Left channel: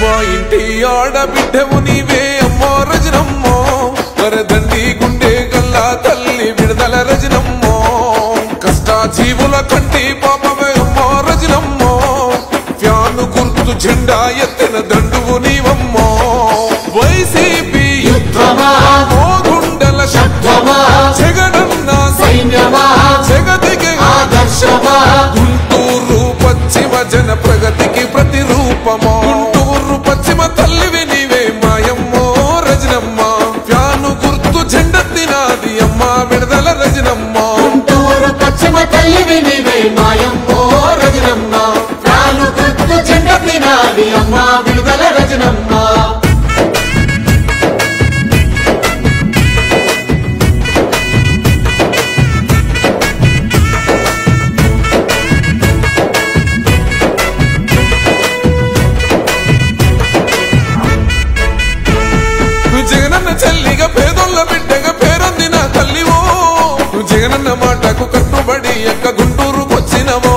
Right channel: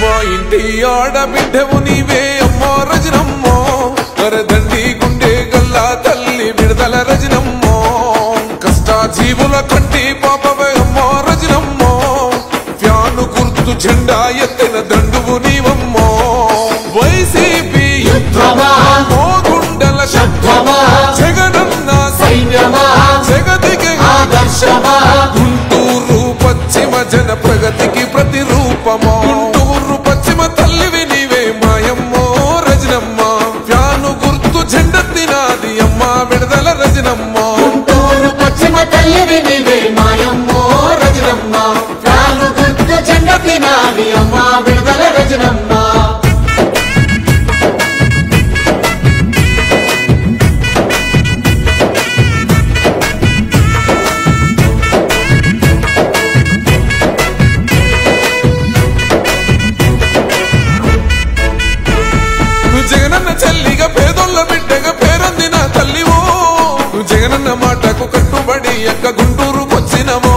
మా ఇంటి ఆడబిడ్డవు నీవే అమ్మో రజనమ్మో వరదండి గుండె గల్లా తల్లి విడుదల రజనమ్మో కష్టాజీవుల కంటి పాపవే అమ్మో రజనమ్మో ఫ్యాను గుర్తు జెండా ఎత్తిన దండువు నీవమ్మో వైసీపీ యుద్ధమా మోగుండల శబ్దమా జగనన్న సైన్యమా జగతికి ఆదర్శమా గుంటూరు పశ్చిమ జన ప్రగతికి ప్రతిరూపమో గుంటూరు పశ్చిమ తల్లివి నీవే మాయమ్మో రజనమ్మ ఫ్యాను గుర్తు జెండెత్తినాది అమ్మ విడుదల రజనమ్మ గుంటూరు పశ్చిమ తల్లివి నీవే మాయమ్మో రజనమ్మ ఫ్యాను గుర్తు జెండెత్తినాది అమ్మ విడుదల రజనమ్మ జగనన్న చెల్లిగా పేదోళ్ళ బిడ్డగా పేరొందిన తల్లివో జగనన్న మాటకు కట్టుబడి ఎక్క గుంటూరుకొచ్చినవో